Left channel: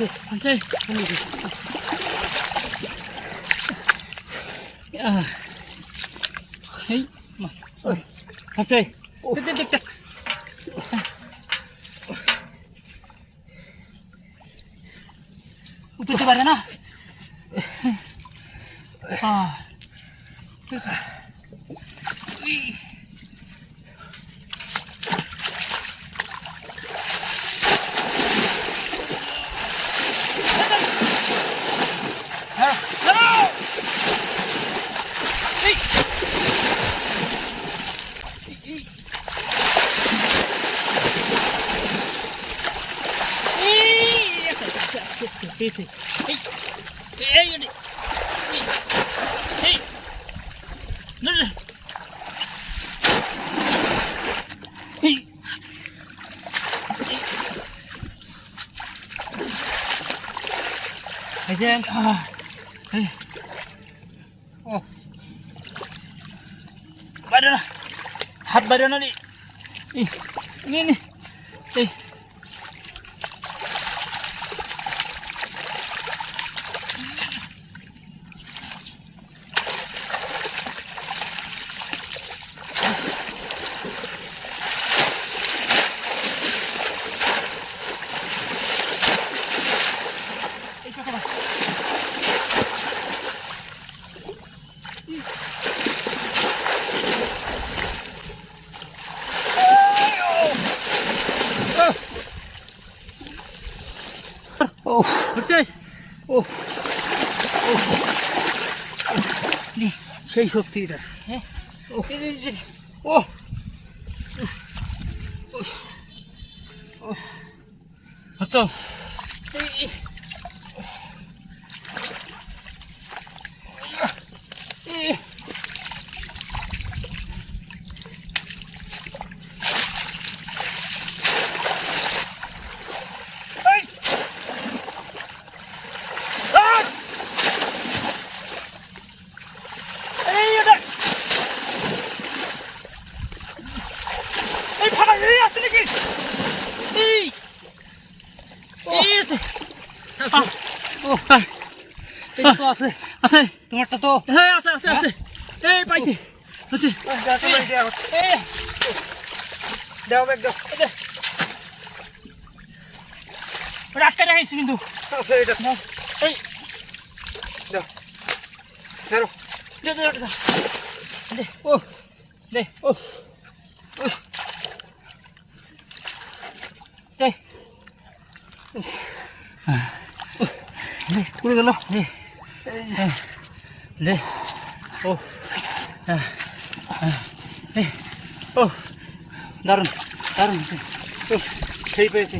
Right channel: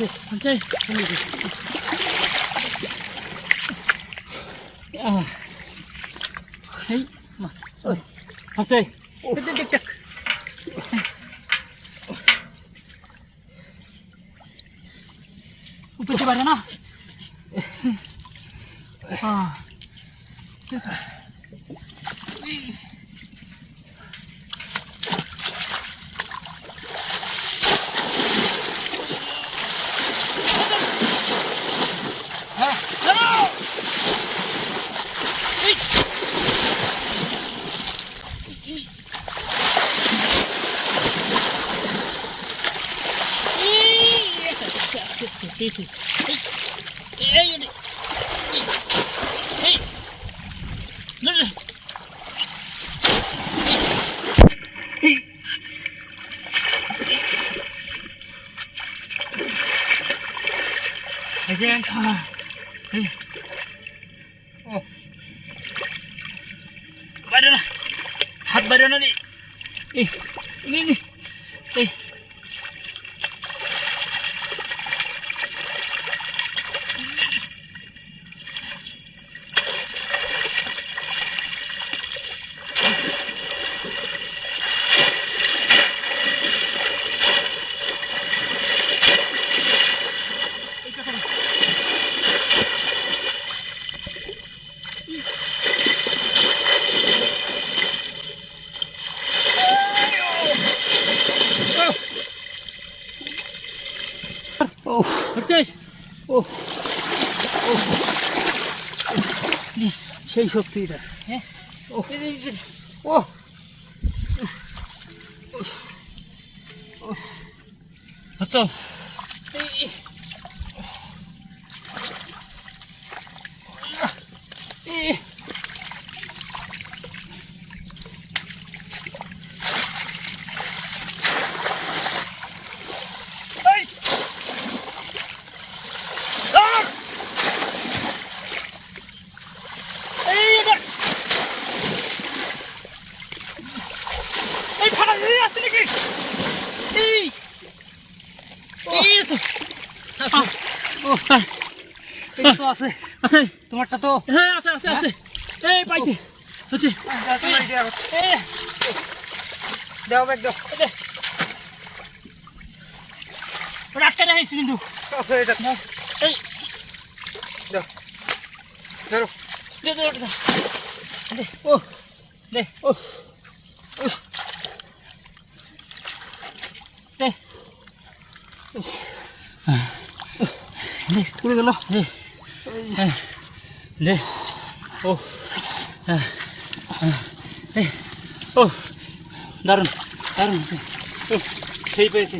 আচ্ছা এই মাছ আচ্ছা দেখ দেখ উঠতে পারে না Again, oh, badan na, hat badan na ni, ini, oh, betul, oh, ni, সেই শক্তিটা, হ্যাঁ, oh, oh, আচ্ছা, আছে তোমারটা তো হ্যাঁ আছে আছে আছে এই পাইছি আছে দাও ব্যাগ দাও ওটা আটকে রাখিস কিন্তু আছে এটা নাও এই দাও ধরো দে দে দে ও দে ও দে পুরো গেল দে দে ও ও দারুণ দারুণ সেই পেয়েছে